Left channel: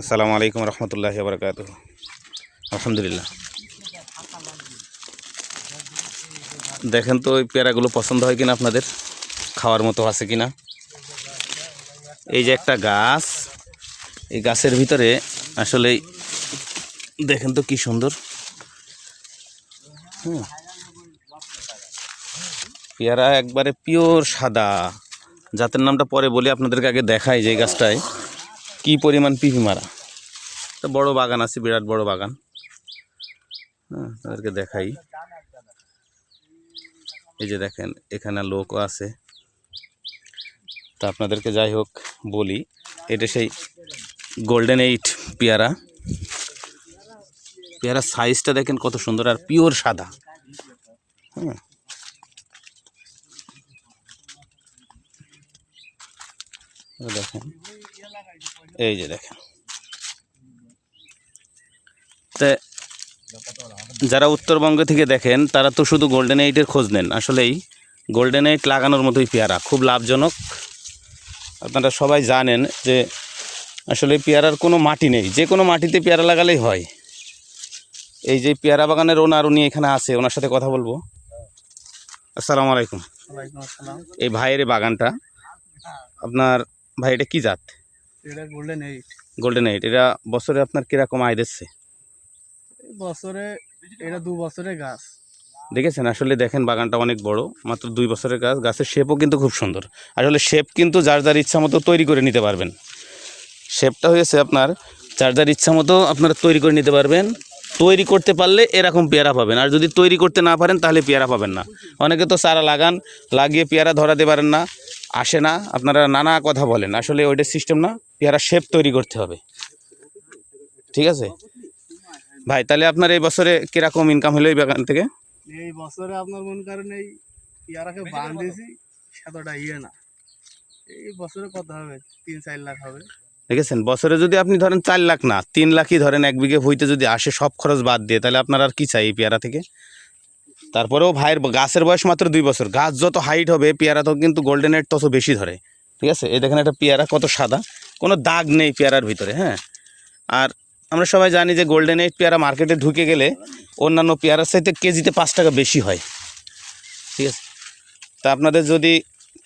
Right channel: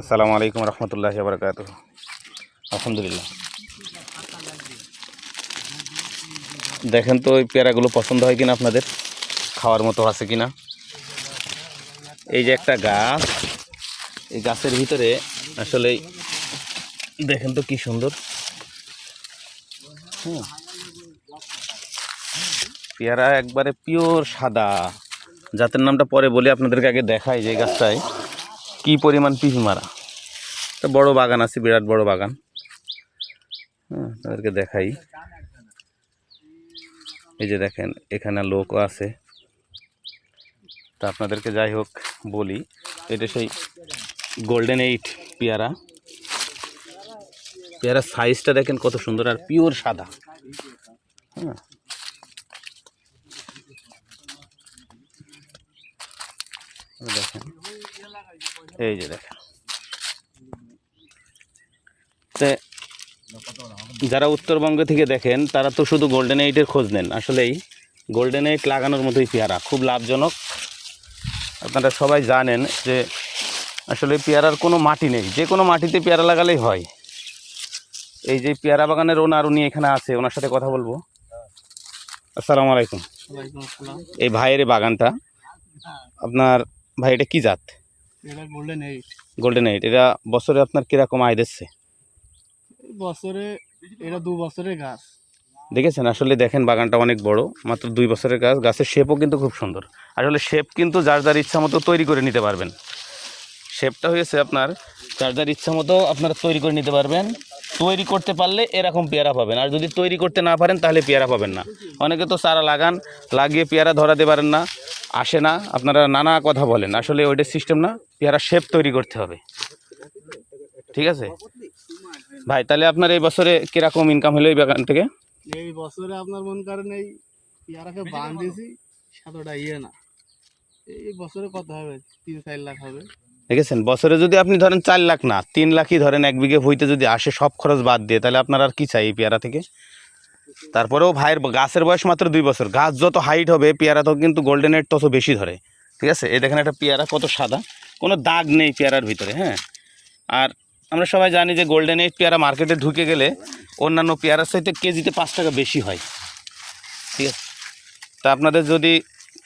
আসসালামু আলাইকুম রহমতুল্লাহি ওয়া বারাকাতুহু। আলহামদুলিল্লাহ। দেখেন তো ওই পেয়ারাগুলো পছন্দ হয় কিনা আপনাদের, খাওয়ার মতো আছে কিনা। এই যে একটা গাছ, এই গাছের ভিতরে আসলে দেখেন তো কি সুন্দর পেয়ারা, একবারে পিওর সাদা। জাতের নামটা পরে বলি, আপনাদেরকে আগে দেখাই যে এই গাছটায় কি পরিমাণ পিপি মারা। একটা বড় বাগান আছে, বিরাট বড় বাগান। আপনাদেরকে দেখাই, এই যে দেখেন এখানে লোকও আছে। তো আপনাদেরকে যাই হোক বলি, এটা সেই গোল্ডেন 8 পেয়ারা। পেয়ারার সাইজটা দেখেন কত সুন্দর আর পিওর সাদা। দেখেন, এই যে দেখেন। তো যারা উত্তরবঙ্গ থেকে দেখেন তারা তো শুধু গোল্ডেন 8-এর খোঁজ নেন। আসলেই গোল্ডেন 8 লাগানোর মতোই পেয়ারা, খুব লাভজনক। আপনারা সবাই জানেন যে আসলে পেয়ারার কোনো মাটি নেই, যে কোনো মাটিতে পেয়ারা লাগালেই হয়। এই যে পেয়ারা বাগানের ওনার, উনি এখানে আছে, ওনার সাথে কথা বলবো। আসসালামু আলাইকুম। এই ভাইয়ের বাগানটা আপনার, ভাই এটা কি জাত? এটা গোল্ডেন 8। গোল্ডেন 8। এটা বছরে আপনার কিরকম আয় দিচ্ছে? বছরে এটা 2 বছরের গাছ। দেখেছেন, আসলে দেখেন বাগানটা অনেক বড়, মাত্র 2 বছরের গাছ। গাছের শেপও কিন্তু খুব সুন্দর। আসলে শেপ কিন্তু যার যার ইচ্ছা মতো তৈরি করে নিতে পারবেন। শেপটা হয়েছে আপনার যার যার ইচ্ছা মতো আপনারা তৈরি করে নিতে পারবেন। তৈরি করতে পারলে এরকম পেয়ারা পাবেন, আর যদি তৈরি করতে না পারেন তাহলে পেয়ারা পাবেন না। অনেকে তো চারা লাগান, লাগিয়ে পেয়ারা ধরাতে পারেন না, আসে না, আপনারা নানা কথা বলেন। আসলে ওইটা সিস্টেম না, পেয়ারা শেপ তৈরি করতে হবে। ঠিক আছে ভাই, তাহলে আপনার এই বছরে কিরকম ইনকাম হলো এই বাগান থেকে? এই বছরে আপনার মন করেন এই পেয়ারাকে বান দিয়েছি, সেতটা না। এই বছরে কত হবে? 3-4 লাখ হবে। দেখেছেন, বছরে যদি আপনি ধরেন 4 লাখ না 3 লাখই ধরেন, 1 বিঘে ভুঁইতে যদি আসে সব খরচ বাদ দিয়ে, তাহলে আপনার আর কি চাই এই পেয়ারা থেকে? তারপরেও ভাইয়ের গাছের বয়স মাত্র 2 বছর। গাছ যত হাইট হবে পেয়ারা তো কিন্তু গোল্ডেন 8 তত বেশি ধরে। ঠিক আছে, এই দেখেন একটা পেয়ারা কত সাদা, কোনো দাগ নেই পেয়ারার ভিতরে। হ্যাঁ, আর আমরা সবাই জানি যে গোল্ডেন 8 পেয়ারা মার্কেটে ঢুকে গেলে অন্যান্য পেয়ারার চাইতে কেজিতে 5 টাকা বেশি হয়। ঠিক আছে, তা আপনাদের যদি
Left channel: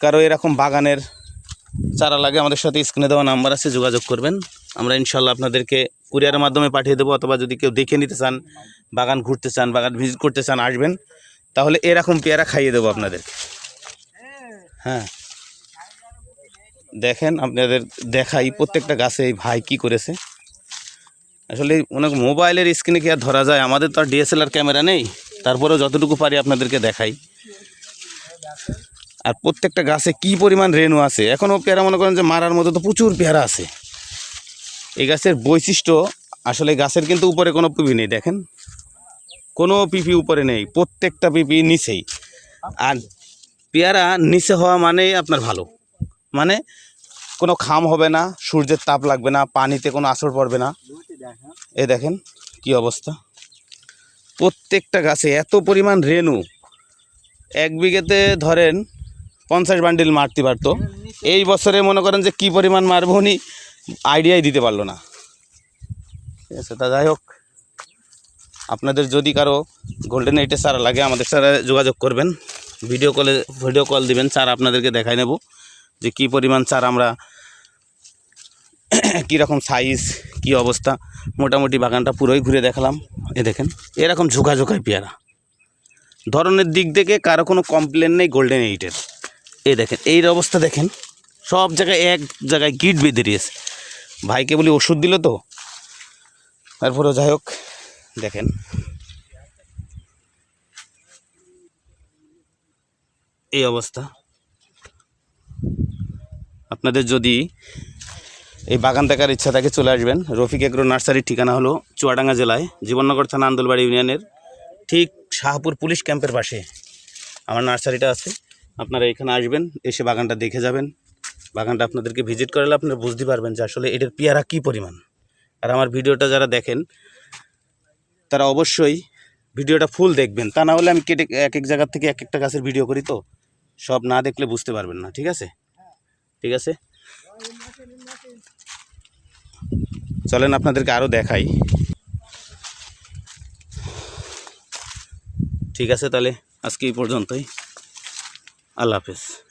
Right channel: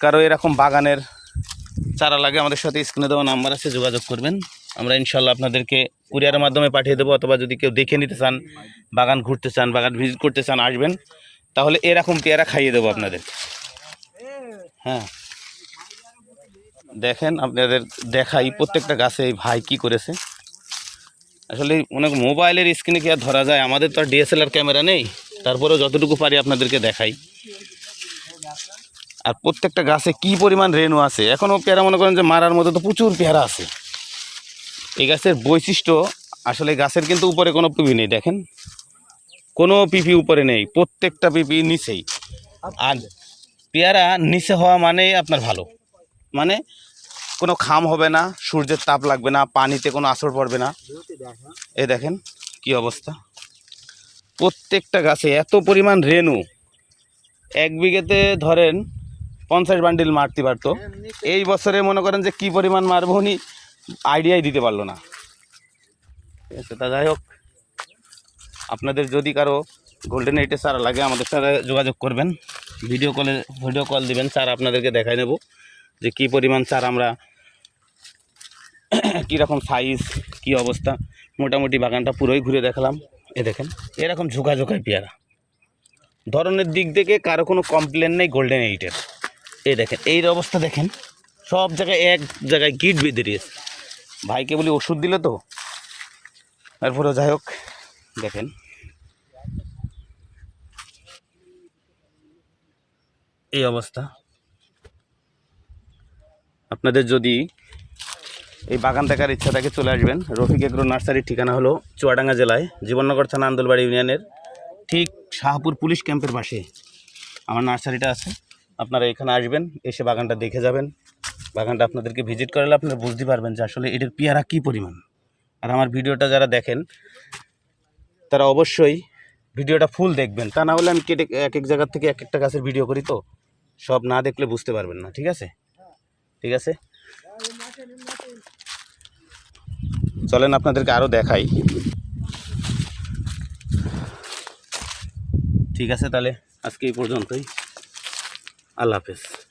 কারো এরকম বাগানের চারা লাগে, আমাদের সাথে স্ক্রিনে দেওয়া নাম্বার আছে, যোগাযোগ করবেন। আমরা ইনশাল্লাহ আপনাদেরকে কুরিয়ারের মাধ্যমে পাঠিয়ে দেবো, অথবা যদি কেউ দেখে নিতে চান, বাগান ঘুরতে চান, বাগান ভিজিট করতে চান, আসবেন, তাহলে এরকম পেয়ারা খাইয়ে দেবো আপনাদের। হ্যাঁ, দেখেন আপনাদের দেখাই প্রত্যেকটা গাছে এই ভাই কি করেছে। আসলে অনেক মোবাইলের স্ক্রিনে কি আর ধরা যায়? আমাদের তো আর ডিএসএলআর ক্যামেরা নেই, তারপরেও যতটুকু পারি আপনাদেরকে দেখাই। আর প্রত্যেকটা গাছে কি পরিমাণ রেণু আছে। এখনও পেয়ারা মনে করেন যে মারার মতো তো প্রচুর পেয়ারা আছে। এই গাছের বৈশিষ্ট্য, আসলে গাছের কিন্তু উপরে কোনো পিপি নেই। দেখেন, কোনো পিপি উপরে নেই, প্রত্যেকটা পিপি নিচেই। আর পেয়ারা নিচে হওয়া মানেই আপনার ভালো, মানে কোনো খাম হবে না, সূর্যের তাপ লাগবে না, পানিতে কোনো আসর পড়বে না। এই দেখেন কি অবস্থা, প্রত্যেকটা গাছে এত পরিমাণ রেণু। 1 বিঘেতে ধরেন 50 বান্ডিল মারতে পারতো, এই বছরে মনে করেন যে কি পরিমাণ মারবো উনি আইডিয়াই দিতে পারলো না। ঠিক আছে, তা যাই হোক, আপনাদের যদি কারো গোল্ডেন 8-এর চারা লাগে আমাদের সাথে যোগাযোগ করবেন, ভিডিও কল দিবেন, চারা আপনাদেরকে দেখাই নেব যে কি পরিমাণ চারা আমরা, কীরকম সাইজ, কি অবস্থা। মোটামুটি বাগানটা পুরোই ঘুরে দেখালাম। এ দেখেন এরকম ঝোঁকাঝোঁকায় পেয়ারা, ধরনের দিক থেকে কারো কোনো কমপ্লেন নেই গোল্ডেন 8-এর। এই দেখেন এই অবস্থা, দেখেন সব জায়গায় এক জায়গায় গিট বেঁধে দিয়েছে। ভাইকে বলি ওষুধ দিল তো, তারপরেও যাই হোক দেখেন এই অবস্থা। আপনাদের যদি এই বাগান দেখার ইচ্ছা থাকে চলে আসবেন। রফিক এগ্রো নার্সারির ঠিকানা হলো চুয়াডাঙ্গা জেলায় জীবননগর থানা আন্দোলবাড়ি ইউনিয়নের ঠিক শাহপুর পুলিশ ক্যাম্পের পাশে আমার নার্সারিটা আছে। আপনারা এখানে আসবেন, এসে বাগানটা দেখে যাবেন। বাগানটা আপনাদেরকে ভিজিট করালে আপনারা বুঝতে পারবেন যে আসলে এটার পেয়ারা কী পরিমাণ। আর আমার ভিডিওটা যারা দেখেন তারা অবশ্যই ভিডিওটা ফুল দেখবেন, তা না হলে আমি কেটে এক এক জায়গার থেকে এক একটা গাছের ভিডিও করি, তো সব না দেখলে বুঝতে পারবেন না। ঠিক আছে, ঠিক আছে। চলেন আপনাদেরকে আরও দেখাই। ঠিক আছে, তাহলে আজকে এই পর্যন্তই। আল্লাহ হাফেজ।